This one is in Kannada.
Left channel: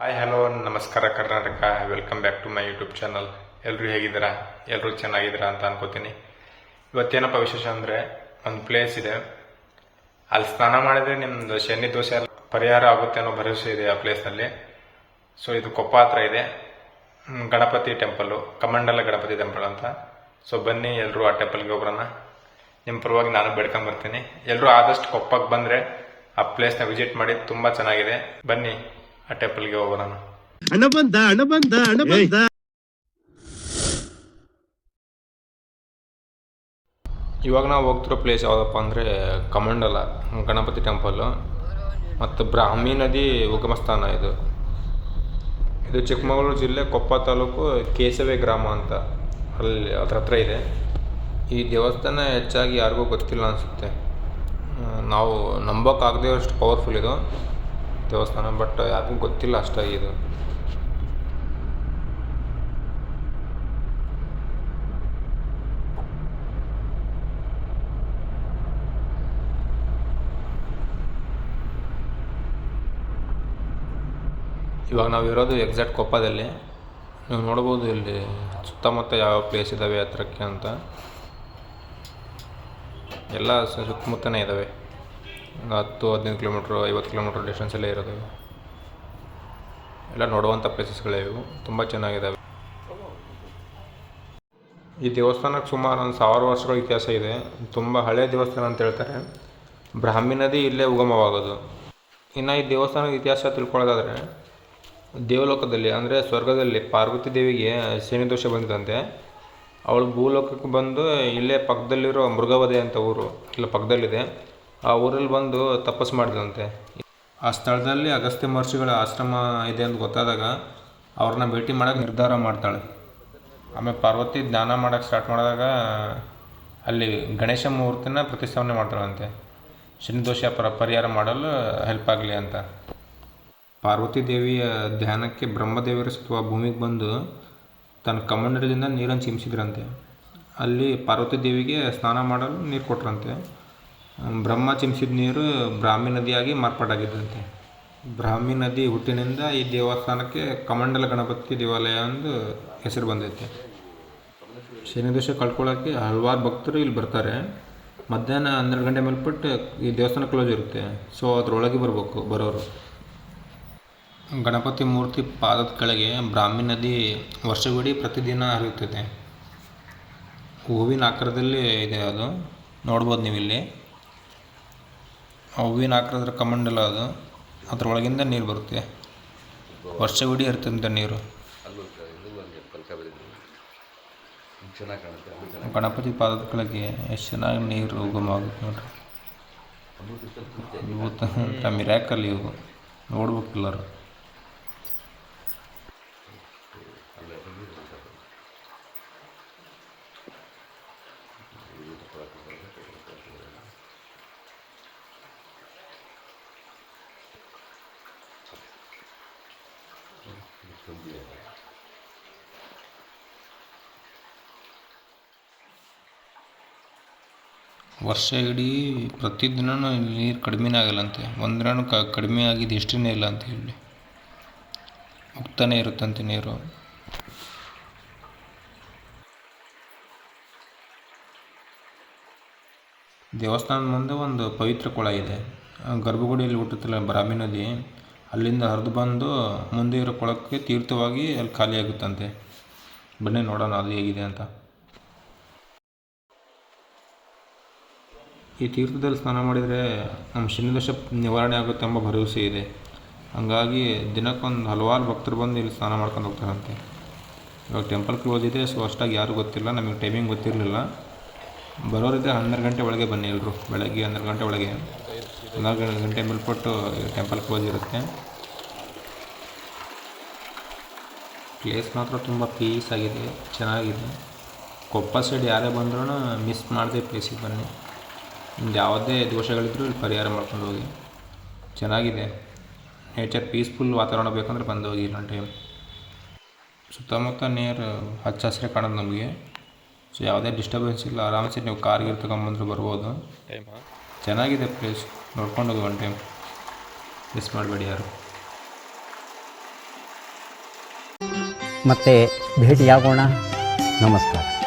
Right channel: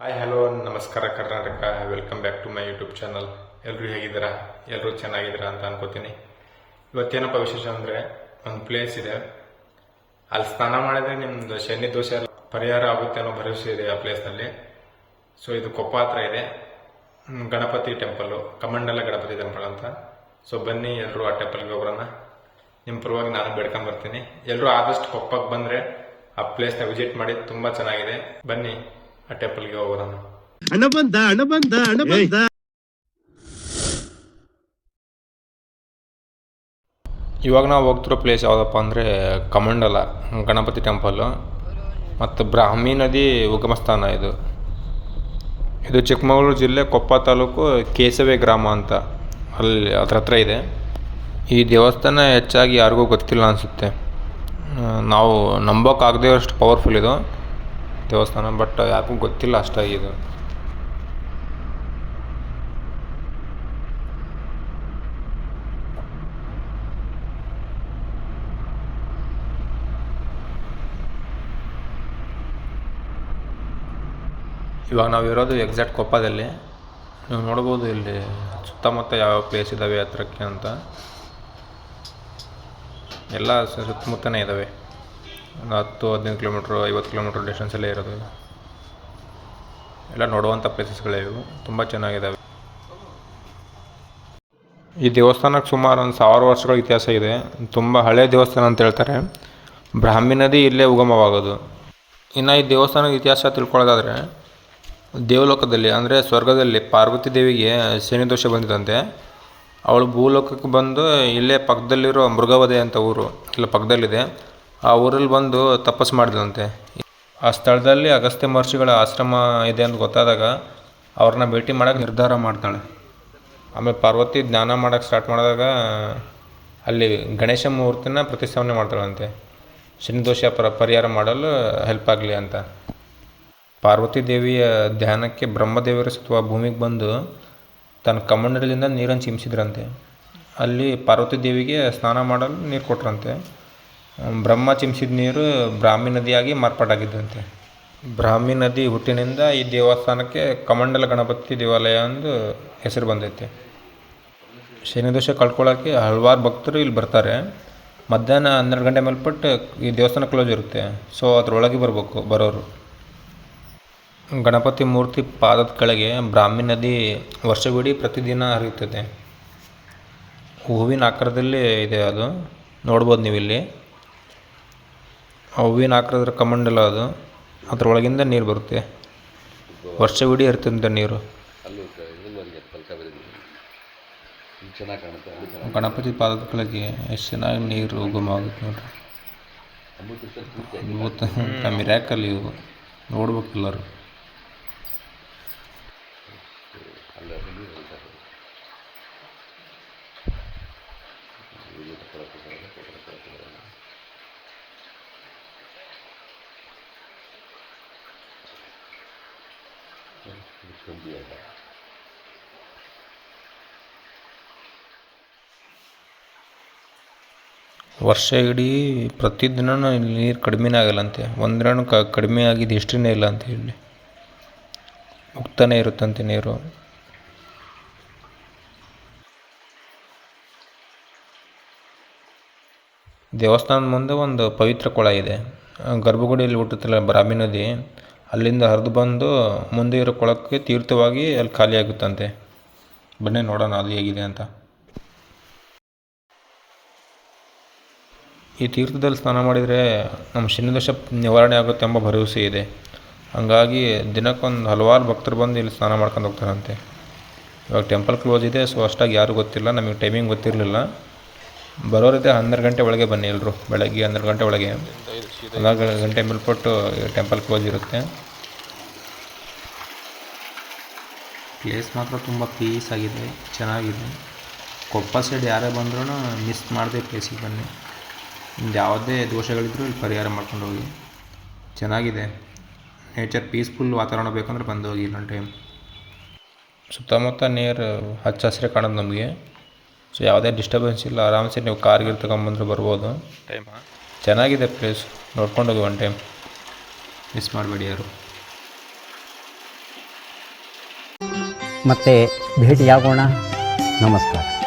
ಹಾಯ್ ಹಲೋ ನಮಸ್ಕಾರ Karnataka. Welcome back to my YouTube channel. ಎಲ್ಲರೂ ಹೇಗಿದ್ದೀರಾ? ಎಲ್ಲರೂ ಚೆನ್ನಾಗಿದ್ದೀರಾ ಅಂತ ಅನ್ಕೋತೀನಿ. ಇವತ್ತೇನಪ್ಪ ವಿಶೇಷ ಅಂದರೆ, ಒಂದು ಪ್ಲೇಸ್ ಇದೆ, ಅಲ್ಲಿ ಸ್ನಾನ ಮಾಡಿದ್ರೆ ನಿಮ್ದು ಶನಿ ದೋಷ ಪರಿಹಾರ ಆಗುತ್ತೆ ಅನ್ನೋ ಭರವಸೆ ಇದೆ ಆ ಪ್ಲೇಸ್ನಲ್ಲಿ. ಸೊ ಇದು ಕೊಪ್ಪ ಹತ್ರ ಇದೆ, ಗಣಪತಿ ಟೆಂಪಲ್ಲು, ಕಮಂಡಲ ಗಣಪತಿ ಟೆಂಪಲ್ ಅಂತ. ಸೊ ಬನ್ನಿ ಎಲ್ಲರೂ ಆ ಟೆಂಪಲ್ಗೆ ಹೋಗ್ಬರೋಣ. ನಿಮ್ಮ ಪರವಾಗಿ ನಾನು ಬೇಡ್ಕೊಂಬರ್ತೀನಿ. ಎಲ್ಲರೂ ಆದಷ್ಟು ಕೊಪ್ಪಕ್ಕೆ ಬಂದರೆ ಆ ಪ್ಲೇಸ್ನ ವಿಸಿಟ್ ಮಾಡಿ, ತುಂಬ ಚೆನ್ನಾಗಿದೆ. ಬನ್ನಿ ಆ ಟೆಂಪಲ್ಗೆ ಹೋಗೋಣ. ಹಣ ಬಂದ. ಇವಾಗ ನಾವು ಹೋಗ್ತಿರೋ ಪ್ಲೇಸ್ ಯಾವುದಪ್ಪ ಅಂದರೆ ಕಮಂಡಲ ಗಣಪತಿ ಟೆಂಪಲ್ಲು ಮತ್ತು ಬ್ರಾಹ್ಮಿ ನದಿ ಉಗಮ ಸ್ಥಾನ. ಇದು ಚಿಕ್ಕಮಗಳೂರು ಜಿಲ್ಲೆ ಕೊಪ್ಪ ತಾಲೂಕು ಕೇಸವೆ ಗ್ರಾಮ ಅಂತ, ಅಲ್ಲಿ ಹತ್ರ ಇದೆ. ಈ ದೇವಸ್ಥಾನ ಹೆಚ್ಚಾಗಿ ಯಾರಿಗೂ ಗೊತ್ತಿಲ್ಲ ಅನಿಸುತ್ತೆ. ನಾವು ನಂಬೋಕ್ಕಾಗದೇ ಅಷ್ಟು ಪವರ್ಫುಲ್ ಇದು ದೇವಸ್ಥಾನ, ಬಟ್ ಯಾರಿಗೂ ಗೊತ್ತಿಲ್ಲ ಅಷ್ಟಾಗಿ ಇದು. ಇವಾಗ ನಾವು ಇರೋದು ಎಕ್ಸಾಕ್ಟ್ ಕೊಪ್ಪದಲ್ಲಿ. ನೀವು ನೋಡ್ಬೋದು ಇಲ್ಲಿ ಸುತ್ತಮುತ್ತ ಯಾವ ಪ್ಲೇಸ್ ಇದ್ದಾವೆ ಹತ್ರಕ್ಕೆ ಅಂತ. ಎಲ್ಲ ಸುತ್ತಮುತ್ತನೇ ಇದ್ದಾವೆ. ಒಂದು 10-15 ಕಿಲೋಮೀಟ್ರು 50 ಕಿಲೋಮೀಟ್ರ್ ಡಿಸ್ಟೆನ್ಸಲ್ಲೇ ಇರೋದು. ಎಲ್ಲ ನೋಡುವಂಥ ಪ್ಲೇಸಸ್ಗಳೇ ಇವು, ತುಂಬ ಚೆನ್ನಾಗಿದ್ದಾವೆ. ಈ ದೇವಸ್ಥಾನಕ್ಕೆ ಸುಮಾರು ಒಂದು 1000 ವರ್ಷಗಳ ಇತಿಹಾಸ ಇದೆ. ತುಂಬ ಹಳೆಯ ದೇವಸ್ಥಾನ ಅಂತ ಹೇಳ್ತಾರೆ. ಬ್ರಾಹ್ಮಿ ನದಿ ಇಲ್ಲೇ ಉಗಮವಾಗೋದು. ಇನ್ನು ಈ ದೇವಸ್ಥಾನದ ಇತಿಹಾಸ ತಿಳ್ಕೊಳ್ಳೋದಾದರೆ, ದೇವಲೋಕದಲ್ಲಿ ಅಂದರೆ ಸ್ವರ್ಗದಲ್ಲಿ ಪಾರ್ವತಿ ದೇವಿಗೆ ಶನಿ ದೋಷ ಬಂದಿದಂತೆ. ಅವಳು ಭೂಲೋಕಕ್ಕೆ ಬಂದು ಇಲ್ಲೇ ಪಕ್ಕದಲ್ಲಿರೋ ಮೃಗವಧೆ ಅಂತ ಊರು ಇಲ್ಲ ಪಕ್ಕದಲ್ಲಿದೆ, ಆ ಊರಲ್ಲಿ ಬಂದು ತಪಸ್ಸು ಮಾಡಿದಂತೆ. ಆ ಸ್ಥಳದಲ್ಲಿ ಅಗಸ್ತ್ಯ ಮಹರ್ಷಿಗಳ ಆಶ್ರಮ ಇದೆ ಅಂತ ಗೊತ್ತಾದಾಗ ಅವ್ರನ್ನ ಭೇಟಿ ಮಾಡೋಕ್ಕೆ ನಿರ್ಧಾರ ಮಾಡ್ತಾಳೆ. ಆಮೇಲೆ ಪಾರ್ವತಿ ಜ್ಞಾನ ಮಾಡೋಕ್ಕೆ ಸ್ಟಾರ್ಟ್ ಮಾಡಿದಾಗ ಅಲ್ಲಿ ಗಣೇಶ ಮೂರ್ತಿನ ಪ್ರತಿಷ್ಠಾಪನೆ ಮಾಡ್ತಾಳಂತೆ, ಶನಿ ದೋಷ ಪರಿಹಾರ ಮಾಡಲು ಹೆಲ್ಪ್ ಆಗಲಿ ಅಂತ. ಪಾರ್ವತಿ ದೇವಿಯ ಧ್ಯಾನಕ್ಕೆ ಬ್ರಹ್ಮದೇವರು ಅಥವಾ ಭೂಮಿಗೆ ಬಂದು ತನ್ನ ಕಮಂಡಲದಿಂದ ನೀರನ್ನು ಚಿಮ್ಮಿಸಿದ್ರಂತೆ. ಅಲ್ಲಿ ಪಾರ್ವತಿ ದೇವಿಗೆ ಸ್ನಾನ ಮಾಡಲು ನೀರು ಕೊಟ್ರಂತೆ. ಬ್ರಹ್ಮ ಚಿಮ್ಮಿಸಿದ ನೀರು ಬ್ರಾಹ್ಮಿ ನದಿಯಾಗಿ ಮಾರ್ಪಾಟಾಗಿದ್ದಂತೆ. ಬ್ರಾಹ್ಮಿ ನದಿ ಹುಟ್ಟಿನಿಂದ ಈ ದೇವಸ್ಥಾನಕ್ಕೆ ಕಮಂಡಲ ಗಣಪತಿ ದೇವಾಲಯ ಎಂದು ಹೆಸರು ಬಂದೈತೆ. ಶನಿ ದೋಷ ಕಳ್ಕೊಳ್ಳೋಕ್ಕೆ ಹಲವಾರು ಭಕ್ತರು ಇಲ್ಲಿ ಬರ್ತಾರೆ. ಮಧ್ಯಾಹ್ನ 12 ಗಂಟೆ ಮೇಲ್ಪಟ್ಟು ಈ ದೇವಸ್ಥಾನ ಕ್ಲೋಸ್ ಇರುತ್ತೆ. ಸೊ ಅದರೊಳಗೆ ಬರೋರು. ಗಣಪತಿ ಮೂರ್ತಿ ಪಾದದ ಕೆಳಗೆ ಬ್ರಾಹ್ಮಿ ನದಿ ವರ್ಷವಿಡೀ ಪ್ರತಿದಿನ ಹರಿಯುತ್ತದೆ. ಹೂವಿನ ಆಕಾರದಲ್ಲಿ ಇದೆ, ಅದು ನೋಡ್ಬೋದು ನೀವು ಇಲ್ಲಿ. ಹೂವಿನ ಆಕಾರದ ಕಮಂಡಲ ಅದು, ಅದರೊಳಗಿಂದ ನೀರು ಬರುತ್ತೆ. ವರ್ಷವಿಡೀ ಹರಿತಂತೆ ನೀರು. ಗಣಪತಿ ಪಾದದ ಕೆಳಗೆ ಎಷ್ಟು ಚೆನ್ನಾಗಿ ನೀರು ಉಗಮವಾಗುತ್ತೆ ನೋಡ್ರಿ. ಅದ್ಭುತ ಮಿರಾಕಲ್ ಇವು, ನೋಡ್ಬೇಕೆಲ್ಲರು. ವರ್ಷ ಇಡೀ ಪ್ರತಿದಿನ ನೀರು ಕಡಿಮೆನೇ ಆಗಲ್ಲಂತೆ. ಒಂದಿನ ಕಡಿಮೆ ಆಗಿದ್ದು ಹಿಸ್ಟ್ರಿನೇ ಇಲ್ಲ ಅಂತ ಹೇಳಿ, ಹೋಗ್ತಾನೆ ಇರುತ್ತಂತೆ ನೀರು. ದೇವಸ್ಥಾನದ ಮುಂದೆ ಒಂದು ಪವಿತ್ರ ಕೊಳ ಇದೆ. ಗರ್ಭಗುಡಿಯಲ್ಲಿ ಹುಟ್ಟುತ್ತಲ್ಲ ಬ್ರಾಹ್ಮಿ ನದಿ, ಅಲ್ಲಿಂದ ಹರಿದು ಬಂದು ಮುಂದೆ ಇರೋ ಕೊಳಕ್ಕೆ ತೀರ್ಥವಾಗಿ ಅಲ್ಲಿ ಖಾಲಿ ಆಗುತ್ತಂತೆ. ಬನ್ನಿ ನೋಡೋಣ ಅದು ಹೇಗಿದೆ ಅಂತ. ಈ ತೀರ್ಥದಲ್ಲಿ ಸ್ನಾನ ಮಾಡಿದರೆ ನಮ್ಮ ಶನಿ ದೋಷ ನಿವಾರಣೆ ಆಗುತ್ತೆ ಎಂಬ ಭರವಸೆ ಇದೆ. ಹಾಗಾಗಿ ದಿನಕ್ಕೊಂದು ಹಲವಾರು ಭಕ್ತರು ಬಂದು ಇಲ್ಲಿ ಸ್ನಾನ ಮಾಡ್ಕೊಂಡು ಹೋಗ್ತಾರಂತೆ. ಇವಾಗ ಟೆಂಪಲ್ ಕ್ಲೋಸ್ ಇದೆ, ಸೊ ಅಷ್ಟಾಗಿ ಯಾರೂ ಗೊತ್ತಿಲ್ಲ. ನಮಗೆ ಟೈಮಿಂಗ್ ಗೊತ್ತಿರಲಿಲ್ಲ. ಬರೋರಿದ್ದೆ 12 ಗಂಟೆ ಒಳಗೆ ಬನ್ನಿ ಎಲ್ಲರೂ. ಬೆಳಗ್ಗೆ 12 ಗಂಟೆ ಒಳಗೆ, 14 ಗಂಟೆ ಮೇಲ್ಪಟ್ಟು ಟೆಂಪಲ್ ಕ್ಲೋಸ್ ಇರುತ್ತೆ. ಪ್ಲೇಸ್ ಮಾತ್ರ ತುಂಬ ಪೀಸ್ ಆಗಿದೆ, ಚೆನ್ನಾಗಿದೆ. ಕೊಪ್ಪ ಸೈಡ್ ಯಾರೇ ಬಂದ್ರೂ ಮಿಸ್ ಮಾಡದೆ ಪ್ಲೇಸಿಗೆ ಬನ್ನಿ. ಯಾವುದೇ ದೋಷಗಳಿದ್ರೂ ಇಲ್ಲಿ ಪರಿಹಾರ ಮಾಡ್ಕೊಂಡು ಹೋಗಿ. ಚೆನ್ನಾಗಿದೆ, ನೇಚರ್ ಪೀಸ್ಫುಲ್ ವಾತಾವರಣ ಬೇಕಂದ್ರೆ ಬಂದು ಹೋಗಿ ಇನ್ನೊಂದು ಟೈಮ್. ಸುತ್ತಮುತ್ತ ನೀರು ಹಚ್ಚ ಹಸಿರೇ ಕಾಣೋದು ನಮಗೆ. ಸೊ ಯಾವುದೇ ಡಿಸ್ಟರ್ಬೆನ್ಸ್ ಇಲ್ಲ, ಆರಾಮ್ಸೆ ನೀವು ಕಾರ್ಗೆ ತಗೊಂಬಂದ್ರೆ ಬರ್ಬೋದು. ಚೆನ್ನಾಗಿದೆ ಪ್ಲೇಸ್, ನೋಡ್ಕೊಂಡು ಹೋಗಿ ಒನ್ ಟೈಮ್, ಮಿಸ್ ಮಾಡಬೇಡಿ ಯಾರು. ಮತ್ತೆ ಭೇಟಿಯಾಗೋಣ. ನಮಸ್ಕಾರ.